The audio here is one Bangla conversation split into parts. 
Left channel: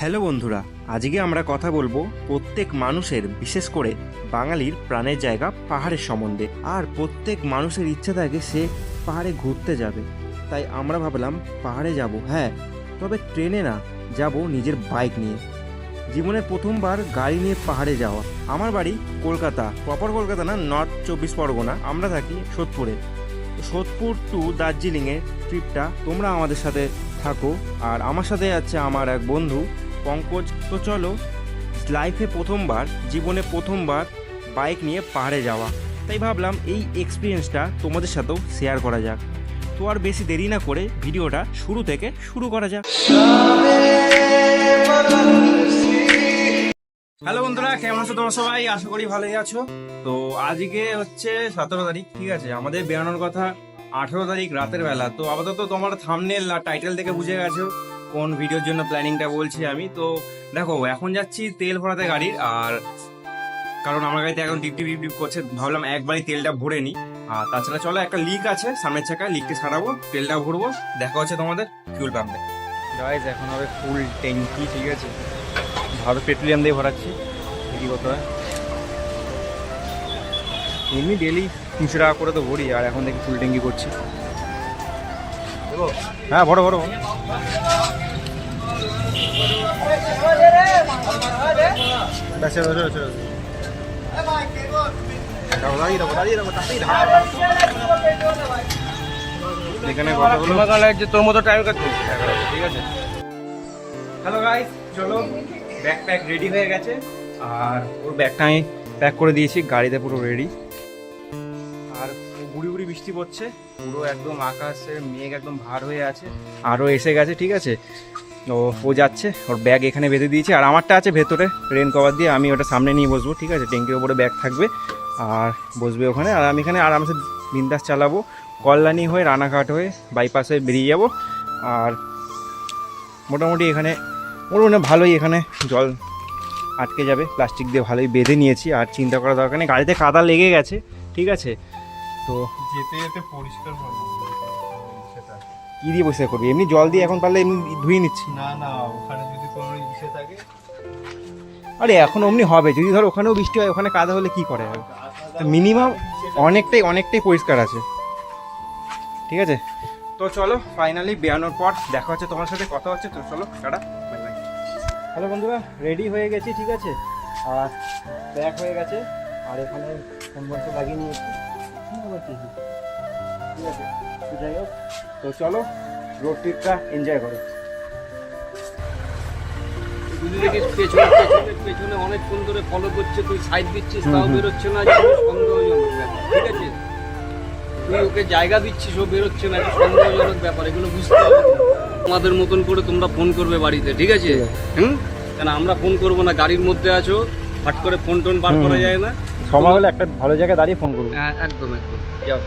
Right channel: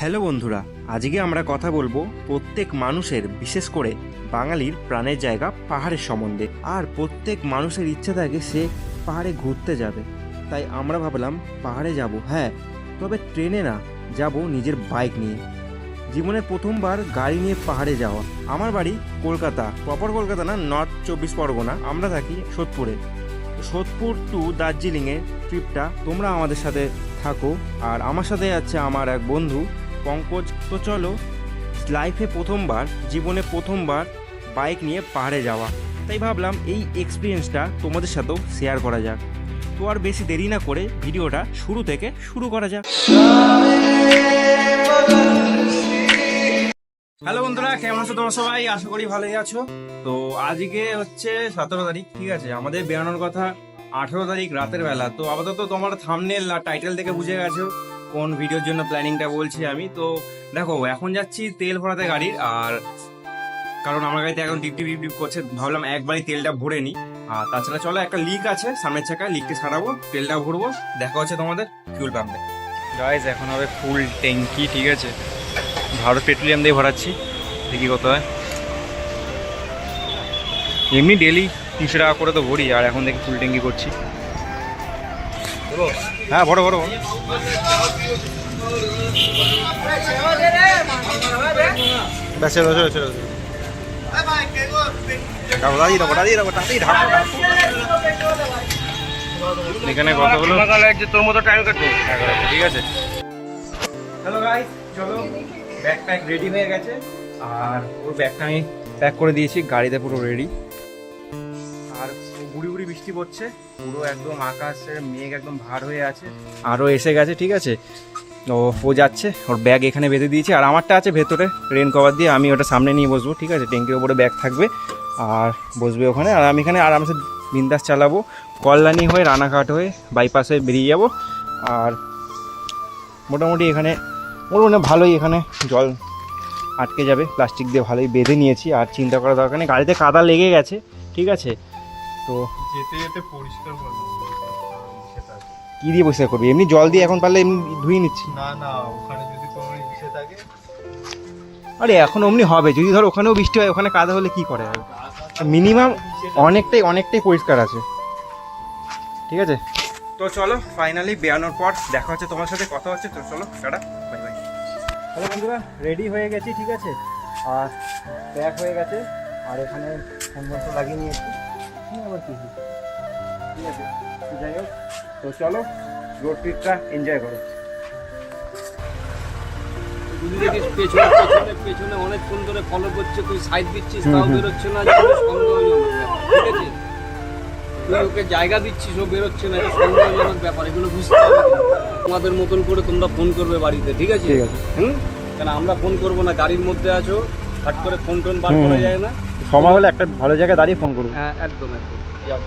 হ্যালো বন্ধুরা, আজকে আমরা কথা বলবো প্রত্যেক মানুষের, বিশেষ করে বাঙালির প্রাণের জায়গা পাহাড়ের সম্বন্ধে। আর প্রত্যেক মানুষের ইচ্ছা থাকে সে পাহাড়ে ঘুরতে যাবে। তাই আমরা ভাবলাম পাহাড়ে যাব, হ্যাঁ, তবে ট্রেনে না, যাব নিজের বাইক নিয়ে। জীবনের প্রথমবার গাড়ি নিয়ে পাহাড়ে যাওয়া। আমার বাড়ি কলকাতা, প্রপার কলকাতা না, নর্থ 24 পরগনা। আমরা থাকি সোদপুরে। সোদপুর টু দার্জিলিংয়ের ট্রিপটা তোমরা আমাদের সাথে থাকো। আর আমার সাথে আছে আমার এক বন্ধু পঙ্কজ। তো চলো, লাইফে প্রথমবার, জীবনে প্রথমবার বাইক নিয়ে পাহাড়ে যাওয়া, তাই ভাবলাম এই এক্সপিরিয়েন্সটা তোমাদের সাথেও শেয়ার করা যাক। তো আর বেশি দেরি না করে ভিডিওটা শুরু থেকে শুরু করা যাক। হ্যালো বন্ধুরা, কেমন আছো তোমরা সবাই? আশা করি ভালোই আছো। তো আজকে হচ্ছে 17 তারিখ, ঠিক আছে? আমাদের বেরোনোর কথা 18 তারিখ রাতের বেলা। তো আপাতত তোমার থাম্বনেল আর টাইটেল থেকে বুঝে গেছো কোন ভিডিওর জন্য প্ল্যানিংটা বলছি আমি। তো দেখো, এখন যাচ্ছি তেল ভরাতে গাড়ির। আর কারণ আমার গাড়িতে এখন ডিপ ডিপ করছে, ভাবলাম একবারই তেলটা ভরে নিই। আর তাছাড়া চলো, একটা লিক আছে সামনের চাকায়, লিকটা সারাবো, তেলটা ভরবো। দেখা হচ্ছে তোমাদের ফিউল পাম্পে। গাইস, এখন হবে ফুল ট্যাঙ্কি, ঠিক আছে? ভারত পেট্রোলিয়াম দিয়ে ভরাচ্ছি, দেখি কত হয়। এমনি ডেলি 300 টাকা করে তো ভরি, আর এখন দেখি ফুল ট্যাঙ্কি করছি। হ্যাঁ, ভরো ভরো ভরো। এখানে কত হলো? তোর মতো টাইম কাটবো, ঠিক আছে। হ্যালো গাইস, চলো, ব্যাগ প্যাক রেডি হয়ে গেছে। আর ওর ব্যাগটা আমি প্যাক করে দিয়েছি, গাড়িতে পুরো রেডি। আর গুড়ি গুড়ি বৃষ্টি পড়ছে, পুরো একদম আকাশের মেঘ একদম ভার হয়ে আছে। আরও এসে গেছে, ঠিক আছে? ও যাচ্ছে, ওর ব্যাগ এখানে বেঁধে দিয়েছি। আর আমারটা আছে ভেতরে রেন কভার দিয়ে, আমি ওটা সামনে নিয়ে বসবো, ঠিক আছে? ট্যাঙ্কির ওপরে ব্যাগ থাকবে আর বসবে ওখানে। আর আমি এখানে আরামসে বিন্দাস চালাবো, কল্যাণী হয়ে রানাঘাট হয়ে বাইপাসে বেরিয়ে যাব। আর মোটামুটি এখানে ভালোই, এখানে জল আটকে যাবে, প্লাস্টিক দিয়ে ভালোই বেঁধে নিয়েছি। আর চিন্তা করার দরকার নেই, গাড়িতে কাদা লেগে গেছে, ঠিক আছে? তো যেতে যেতে পরিষ্কার করবো। কী দিয়ে পরিষ্কার করবি? এমনি জল দিয়ে এখন পারলে এমনি ধুয়ে নিচ্ছি। না না, ওখানে যদি কোনো ইসে থাকে। আরে এখন অমনি হবে, যদি ধর ওখানেও বৃষ্টি হয়, ওখানে কাদা হলে কি করে? মিনিমাম অনেকটাই পরিষ্কার আছে, ঠিক আছে? তো চলো, ফাইনালি বেরানোর পর দেখা হচ্ছে তোমার সাথে, কথা হচ্ছে। তো চলো, টাটা, বাই বাই। হ্যালো বন্ধুরা, রেডি হয়ে গেছি, ঠিক আছে? আর প্যাক হয়ে গেছে। আর এখানে ফোন বন্ধ লাগিয়ে নিয়েছি, আবার কি, ঠিক আছে? তো যাই হোক, তো চলো রোড ট্রিপটা এনজয় করো। যদি দেখিস পেছনে পেছনে পেছনে অনেকক্ষণ ধরে ফলো করছে, তুই সাইড দিচ্ছিস, তাও বেরোচ্ছে না, যেটা সন্দেহজনক ব্যাপার, ঠিক আছে? তুই ওকে জায়গা দিচ্ছিস, ও বেরোচ্ছে না, এটা সন্দেহজনক ব্যাপার। এগুলো বুঝতে হবে। তোমাদের মতন করে তোমরা ফোন করবে বাড়িতে, ঠিক আছে? কেন আমরা ফোন করবো না? গাড়ির মধ্যে আছো, ফাট করে ফোন টোন বার করা যায় না। সময় হলে একটা ভালো জায়গায় দাঁড়িয়ে ফোন করবো। হ্যাঁ, একদম একদম। যাও।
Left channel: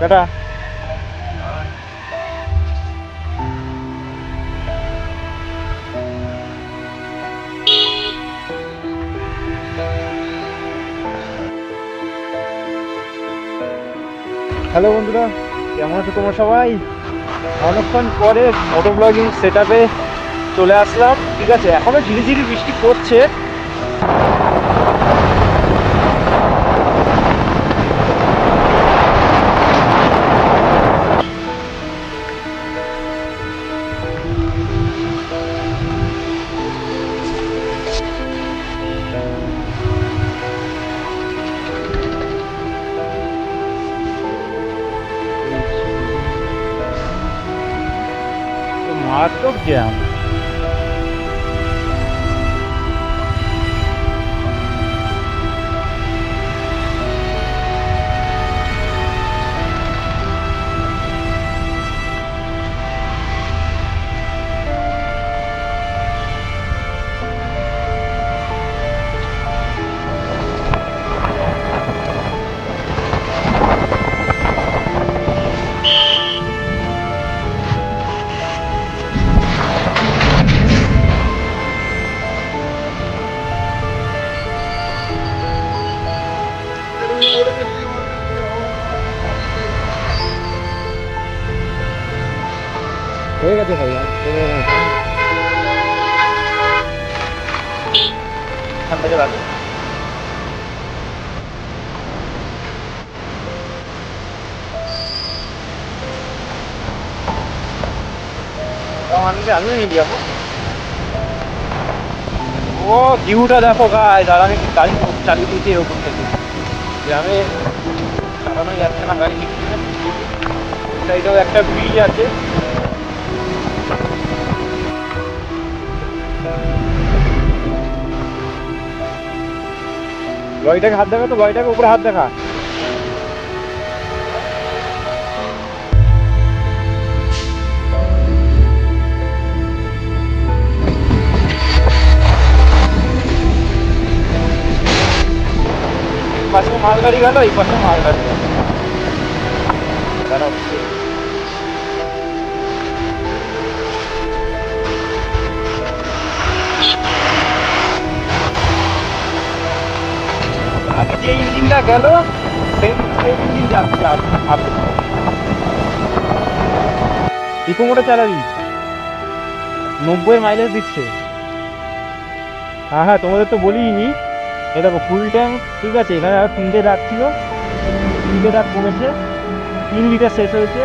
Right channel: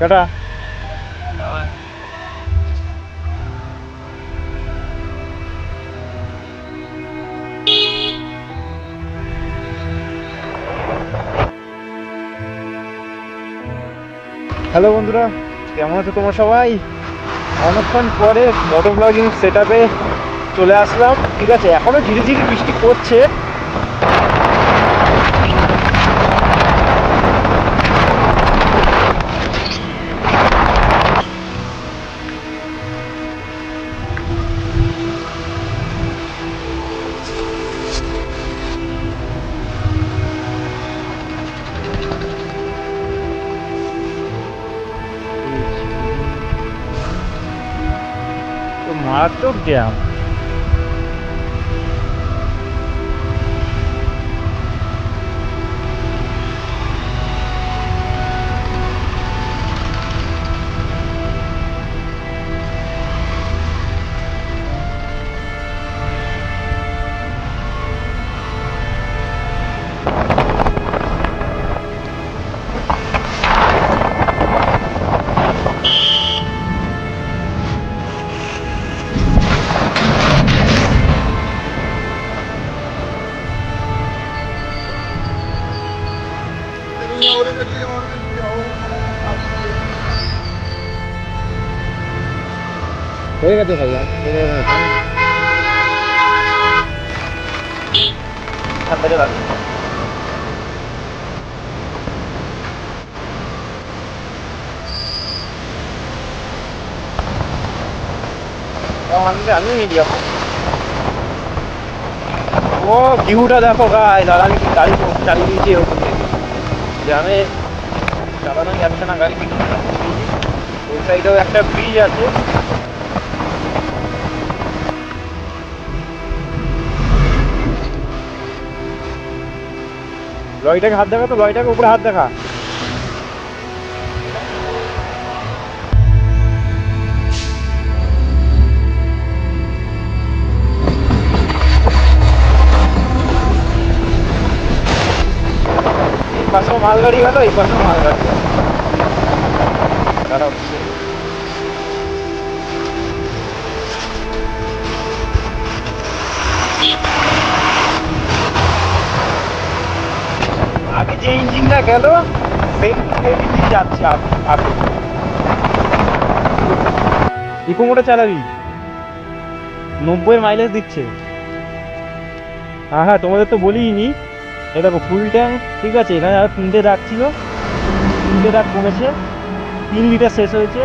টাটা। হ্যালো বন্ধুরা, কেমন আছো তোমরা সবাই? অনেকক্ষণ পরে মোটো ব্লগিং সেট আপে চলে আসলাম, ঠিক আছে? এখনো ঝিরিঝিরি বৃষ্টি পড়ছে। তো মারাত্মক জ্যাম। হয়ে গেছে ভাই ঠান্ডা জল আছে আমিও নিয়ে যাবো ও ভিউটা দেখো গাইস আর আমি গাড়ি চালিয়ে দিয়েছি এরকম থেকে গ্রামে চালানো যাচ্ছে না গাড়ি ওই সাইডেও একটা ব্রিজ আছে লরিটাকে হাত দেখা তো লরিটাকে উপরে হাত দেখা পাশে মালগাড়ি গেল এই পাশে মালগাড়ি গেল দাঁড়াও আগে যে ইঞ্জিনটা গেল সেই ইঞ্জিন যাচ্ছে আপনি ইকো মোটর চালাবি 90 মাইলেজ দিচ্ছে হ্যাঁ হ্যাঁ তোমাদের তো বলিনি এই দেখো ফুল ট্যাঙ্ক ঠিক আছে এখানে আর 3টে দাগ ছিল 3টে দাগ কমেছে 3 লিটার শেষ হয়েছে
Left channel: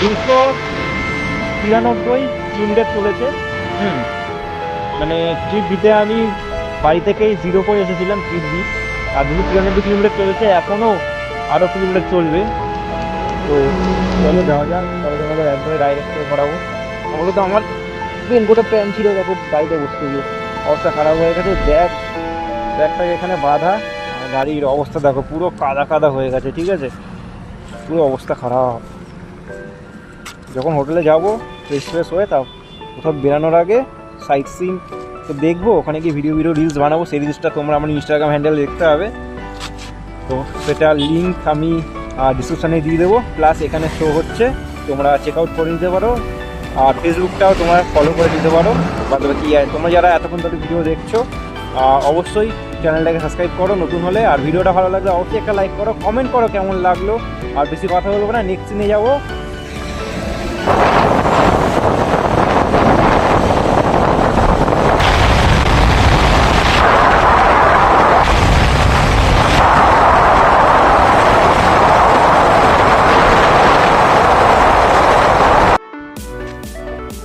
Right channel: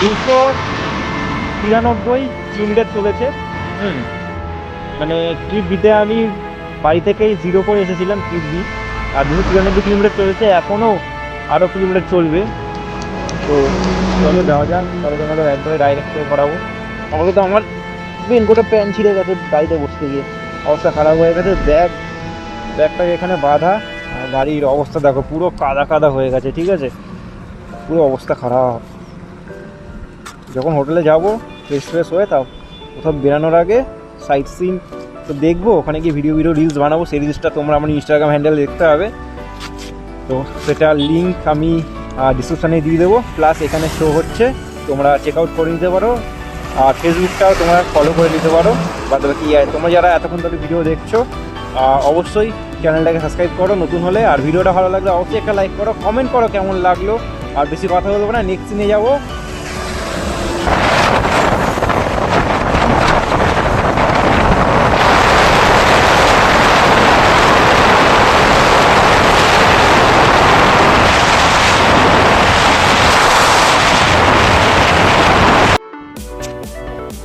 293 কিলোমিটার চলেছে মানে ট্রিপ দিতে আমি বাড়ি থেকেই 0 করে এসেছিলাম ট্রিপ দিই আর 293 কিলোমিটার চলেছে এখনও আরও কিলোমিটার চলবে তো চলো যাওয়া যাক তবে তোমাদের একবারে ডাইরেক্ট করাবো আমাকে তো আমার রেনকোটে প্যান্ট ছিঁড়ে গেছে গাড়িতে বসতে গিয়ে অবস্থা খারাপ হয়ে গেছে ব্যাগটাকে এখানে বাঁধা আর গাড়ির অবস্থা দেখো পুরো কাদা কাদা হয়ে গেছে ঠিক আছে পুরো অবস্থা খারাপ যখন হোটেলে যাবো ফ্রেশ হয়ে তাও কোথাও বেরানোর আগে সাইট সিন তো দেখবো ওখানে গিয়ে ভিডিও রিলস বানাবো সেই রিলসটা তোমরা আমার ইনস্টাগ্রাম হ্যান্ডেল দেখতে হবে তো সেটার লিঙ্ক আমি ডিসক্রিপশানে দিয়ে দেবো প্লাস এখানে শো হচ্ছে তোমরা চেক আউট করে নিতে পারো আর ফেসবুকটাও তোমরা ফলো করে নিতে পারো বাদ বাকি তোমরা যারা এতক্ষণ ধরে ভিডিও দেখছো অবশ্যই চ্যানেলটাকে সাবস্ক্রাইব করো নতুন হলে আর ভিডিওটা ভালো লাগলে অবশ্যই একটা লাইক করো কমেন্ট করো কেমন লাগলো আর বেশি কথা বলবো না নেক্সট দিনে যাবো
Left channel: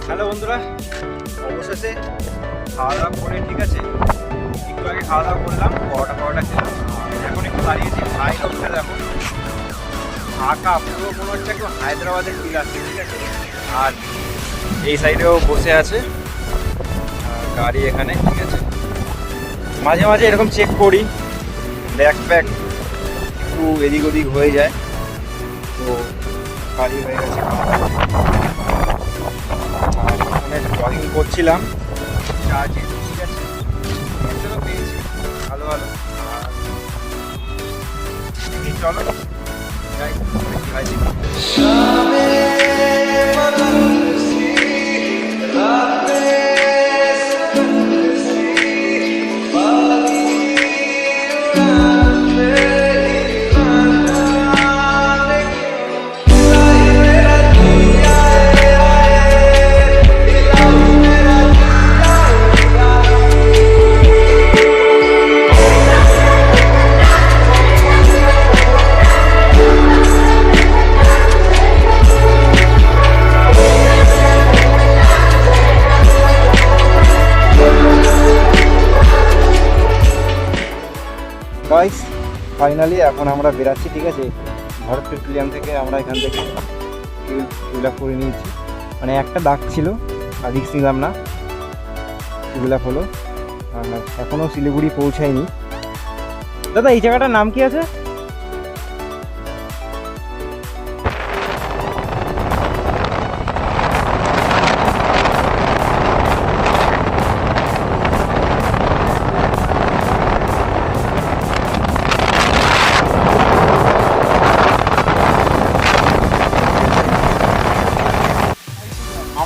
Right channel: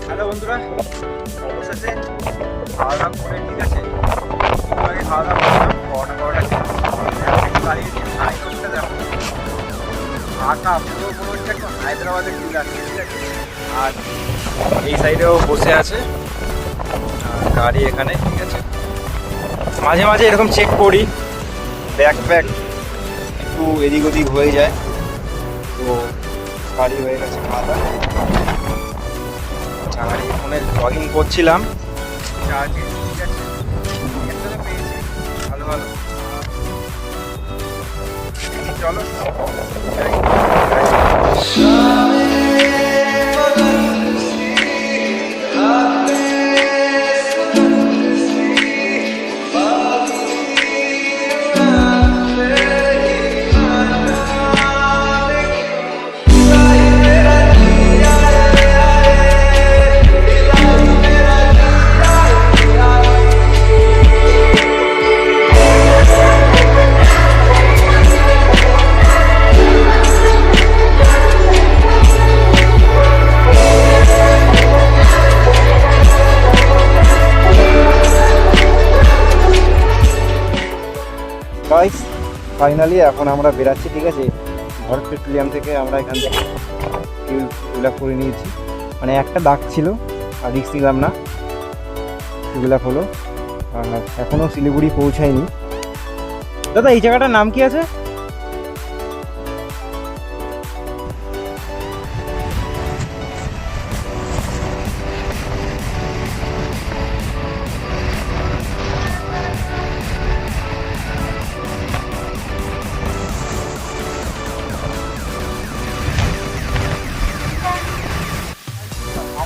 হ্যালো বন্ধুরা অবশেষে খাওয়া দাওয়া করে ঠিক আছে একটু আগে খাওয়া দাওয়া করলাম পরোটা খেলাম এখন একটু দাঁড়িয়েছি হাই রোডটা দেখো ফাঁকা পুরো মনে হচ্ছে একটু হায়দ্রাবাদের ফিল আসছে ঠিক আছে আর এই সাইডেও বসে আছে গাড়ি এখানে ঠিক আছে মাঝে মাঝে এরকম চেক করি ব্যাগ একটু এদিক ওদিক হয়ে যায় তো গাড়ি হয়ে গেছে খাওয়া দাওয়া আর ফোনে জগিং করছিলাম চার্জে ঠিক আছে একটা তো পেয়েছি ভালো আর চলো গাইস ফাইনালি এখন আমরা বেরাচ্ছি ঠিক আছে ভারত পেট্রোলিয়াম থেকে আমরা এখান থেকে ফিল আপ করে নিয়েছি মানে একটা দাগ ছিল আর রিক্স নিলাম না ফিল আপ হলো আর এখনও শিলিগুড়ি পৌঁছায়নি দাদা এই জায়গাটার নাম কি আছে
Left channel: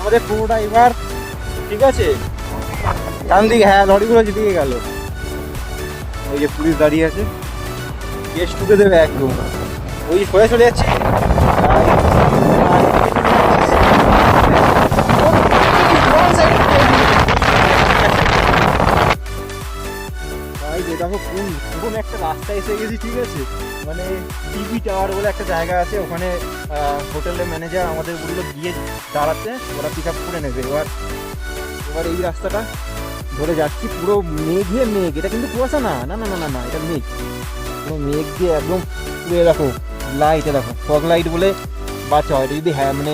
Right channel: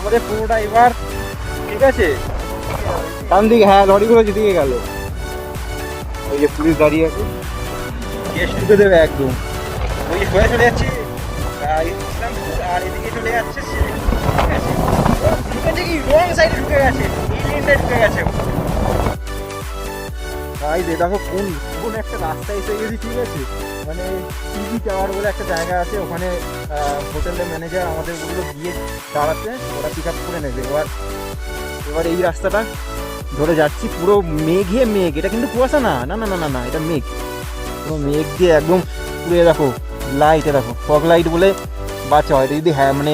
আমাদের পুরোটা এবার ঠিক আছে ডান দিকে হ্যাঁ লরিগুলো যেদিকে গেল ওই যে পুলিশ দাঁড়িয়ে আছে কেস ঢুকে দেবে একদম ওই সোজা চলে যাচ্ছে দেখো কোন কোন একটা রাস্তায় এসে গেছি, ঠিক আছে। মানে টিভি টাওয়ার বলে একটা জায়গা আছে, ওখানে হোটেলের ম্যানেজার আমাদের বললো গিয়ে দাঁড়াতে, ওরা পিক আপ করে নেবে। এবার এই রাস্তাটা ধরে যাচ্ছি, পুরো মেঘে মেঘ, এটা কিন্তু কুয়াশা না, না না না না না এটা মেঘ, পুরো মেঘ দিয়ে একদম পুরো দেখো লাইট, দেখো ফগ লাইট বলে বাচ্চা হয়। এটা যদি মানে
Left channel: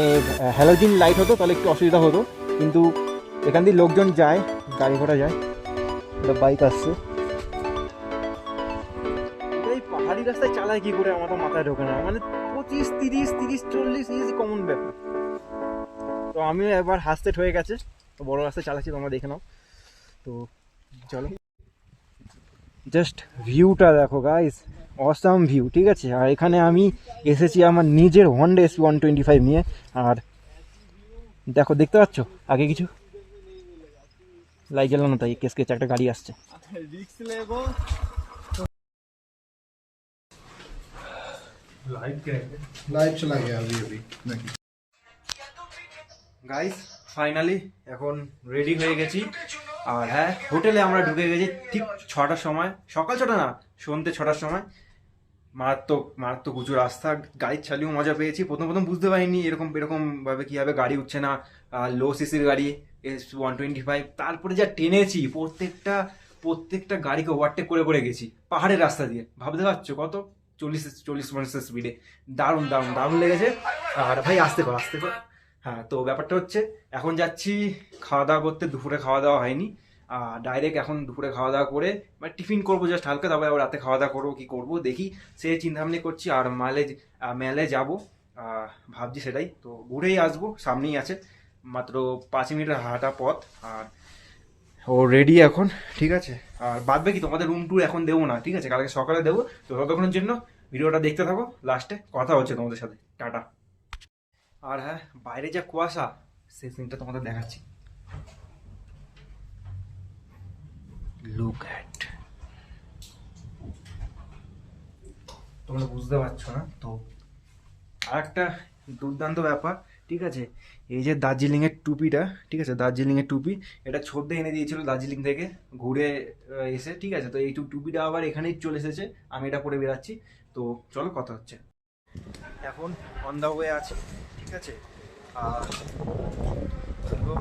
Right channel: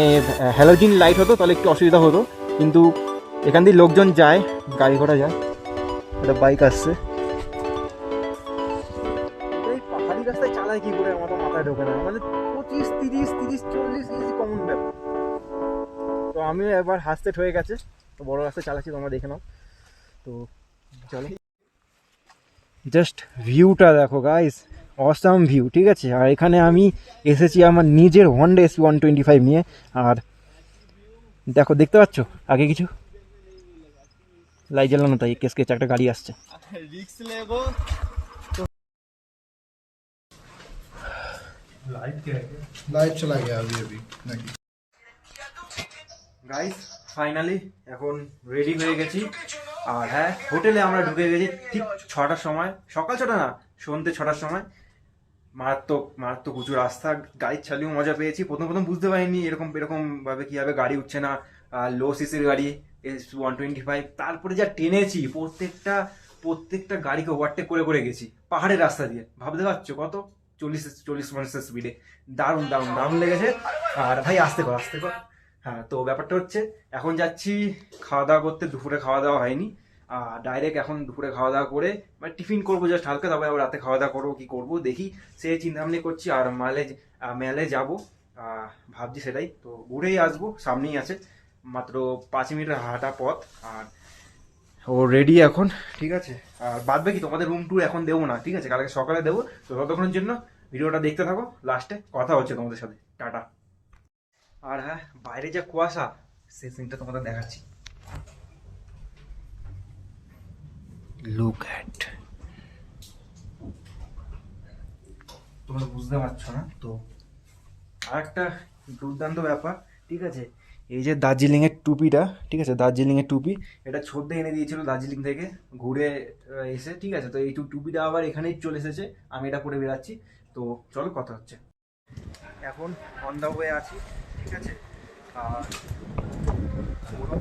হ্যালোজিন লাইট হতো তাহলে একটু অসুবিধা হতো, কিন্তু এখান দিয়ে লোকজন যায়, গাড়ি ঘোড়া যায়, একটা বাইক আসছে। এই পাহাড়ি রাস্তায় চালায় কি করে আমার তো মাথায় ঢোকে না, মানে 25, 30, 40 ইজি কমন ব্যাপার। তো আমিও একবার হাসতে হয়ে গেছে, তো বড় রাস্তায় চালাচ্ছি, তোমরা দেখে নাও। তো চলো, জাস্ট ভিউটা দেখো গাইস, অসাম ভিউ, ঠিক আছে। আর এখানে আমি এসেছি আমার নিজের হন্ডা SB125 নিয়ে। আর দেখো, দেখতে পাচ্ছ আগে কিছু লাইট জ্বালানো, তাই কেস একটা গাড়ি আসছে। लाइव चला गया अभी नहीं। গাইস ফাইনালি এখন রেডি হয়ে গেছি। আর হ্যাঁ, হোটেলে আমরা ঢুকে গেছি ঠিক 6টার সময়, সকাল 6টা না, সন্ধ্যে 6টার সময়। মারাত্মক মারাত্মক উঁচু রাস্তা, গাড়ি চালিয়েও মজা পেয়েছি। প্রথম বুঝতে পারিনি এরকম ভাবে কীভাবে গাড়ি উঠছে না, লো সিসির গাড়ি S125। তারপরে যা টেনেছি, প্রত্যেকটা গাড়িকে ওভারটেক করে গেছি পাহাড়ের রাস্তা দিয়ে। ভাবতে পারছো কত, 40 স্পিডে। দারুণ লেগেছে। আর ভাই আসতে কর। হ্যাঁ, তো ব্যাপারটা হচ্ছে এখন যাচ্ছি খাওয়া দাওয়া করতে। দুপুরে খাওয়া দাওয়া হয়নি, ডাইরেক্ট এখন দুপুরে খাওয়া দাওয়া করে মানে টিফিন করবো জাস্ট হালকা, তারপরে আবার রাতে খাওয়া দাওয়া করবো, কি করবো দেখি, সেই চিন্তাভাবনা করছি। আর মেলে যাবো, ভাবছি সেটাই। তো ঘুরেই আসবো, সামনেই আছে, মাত্র 5 মিনিটের হাঁটা পথ। আর ও রেডি এখন, ঠিক আছে। আর বাদ বাকি তোমাদের রুম ট্যুর এখন দেবো না, ঠিক আছে, কালকে সকালে দেবো। তো ততক্ষণের জন্য ভিডিওটা দেখতে থাকো, লাস্টে কথা হচ্ছে তোমাদের সাথে, টাটা। আর হ্যাঁ, বাইরে যা কুয়াশা, সেই সিনটা তোমাদের দেখাচ্ছি। লুক অ্যাট, তোমরা বুঝতে পারছো না তো। আর একটা দুর্দান্ত ব্যাপার, ঠিক আছে, এই যে দার্জিলিংয়ের টুপিটা, ঠিক আছে, দার্জিলিংয়ের টুপি, এটা ছোট্ট এনে দিয়েছিল দার্জিলিং থেকে ঘুরে এসে, ঠিক আছে। তো এই টুপিটা আবার এখানেই চলে এসেছে, আমি এটা পরে বেরাচ্ছি। তো চলো কথা হচ্ছে। এখন অন দ্য ওয়ে আছি, ঠিক আছে। আর পুরো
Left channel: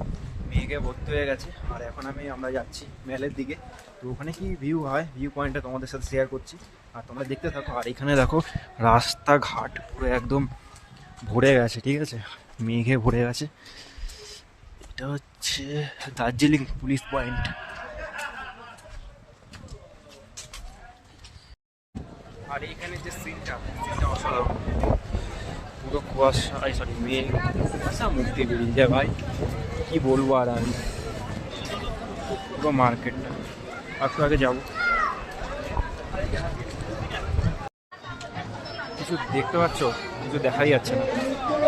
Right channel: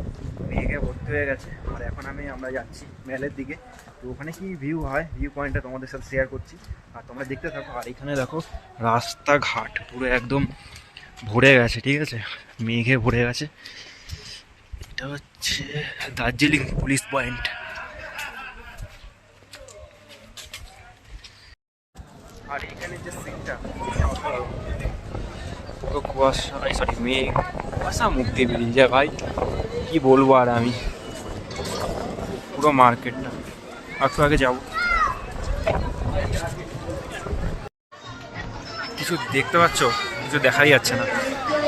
মেঘে ভর্তি হয়ে গেছে। আর এখন আমরা যাচ্ছি মেলের দিকে। তো ওখানে কি ভিউ হয়, ভিউ পয়েন্টটা তোমাদের সাথে শেয়ার করছি, আর তোমরা দেখতে থাকো। আর এখানে দেখো রাস্তাঘাট পুরো একদম ভরে গেছে, ঠিক আছে, মেঘে ভরে গেছে। এটা হচ্ছে দার্জিলিং পুলিশ পয়েন্ট। আর এইখানে যে সিনটা অসাধারণ, পুরো কুয়াশা, সরি মেঘ, কুয়াশা মুখ দিয়ে বেরিয়ে যায় ভাই, কি বলবো। আর আমি পুরো মার্কেটটা একটু আগে যাবো, কিছু দেখতে পাচ্ছ, কিছু দেখাই যাচ্ছে না,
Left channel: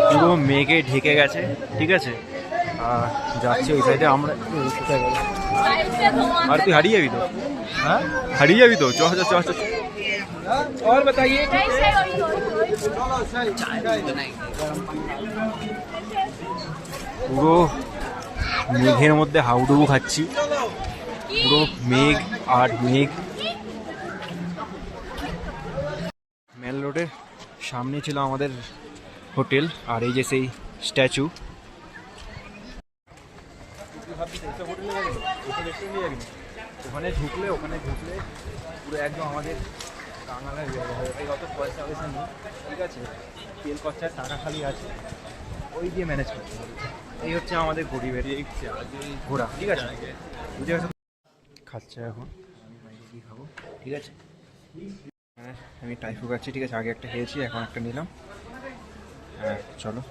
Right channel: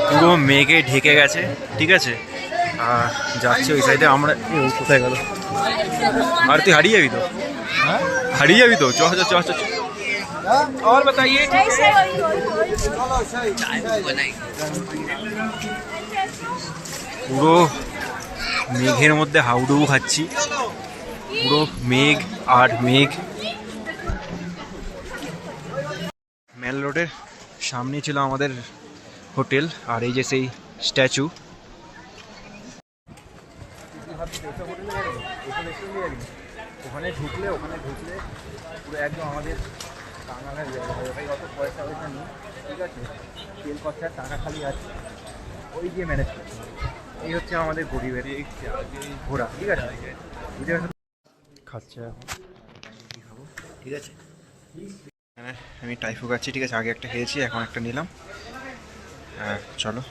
পুরো মেঘে ঢেকে গেছে, ঠিক আছে। আর যাচ্ছি ওই সাইডে আমরা। কোথায় গেল? আর তুই হারিয়ে যাবি তো, হ্যাঁ হারিয়ে যাবি তো, চ। और बताइए, পুরো মেঘের মধ্যে হাউডুবু খাচ্ছি, পুরো মেঘ আর মেঘ। মেল রোডের সামনে ছিল আমাদের হোটেল, আর এই যে সেই স্ট্যাচু। ওখানে ঢুকলে পুরো একদম আমাদের কাঙালের জায়গা হবে ভাই, অত পয়সা নেই, ঠিক আছে, তেল খরচার টাকা খালি আছে, ওই দিয়ে ম্যানেজ করতে হবে। এই হচ্ছে আমাদের গরিবের ঘোরা, ঠিক আছে, বুঝে গেছো। খাচ্ছে এখন, খাবো, ঠিক আছে। হ্যাঁ, আমি টাইফু খাচ্ছি, ঠিক আছে, আগে একটা খেয়েছি, এখন একটা নিলাম। হ্যাঁ চলো।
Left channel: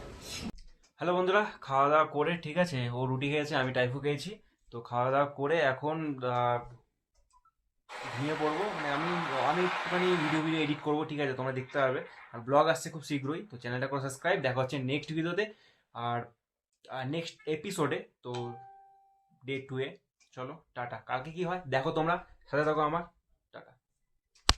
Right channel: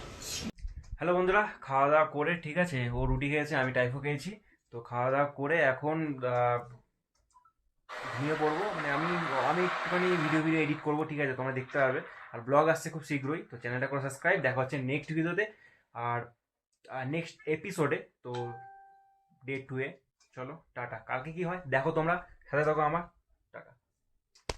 হ্যালো বন্ধুরা, খাওয়া দাওয়া করে, ঠিক আছে, ও রুটি খেয়েছে, আমি টাইফু খেয়েছি। তো খাওয়া দাওয়া করে এখন ঘুমিয়ে পড়বো। মানে আমি একটুখানি ভিডিও এডিট করবো, ঠিক আছে, তোমরা দেখতে পারবে। আর ব্লগ আসছে খুব শীঘ্রই, তো চ্যানেলটা করে সাবস্ক্রাইব। দেখা হচ্ছে নেক্সট ভিডিওতে আর নেক্সট এপিসোডে। তো ডে 2-এ চলো টাটা। কালকে কি হয় দেখো, তোমরা সাথে থাকো আমার।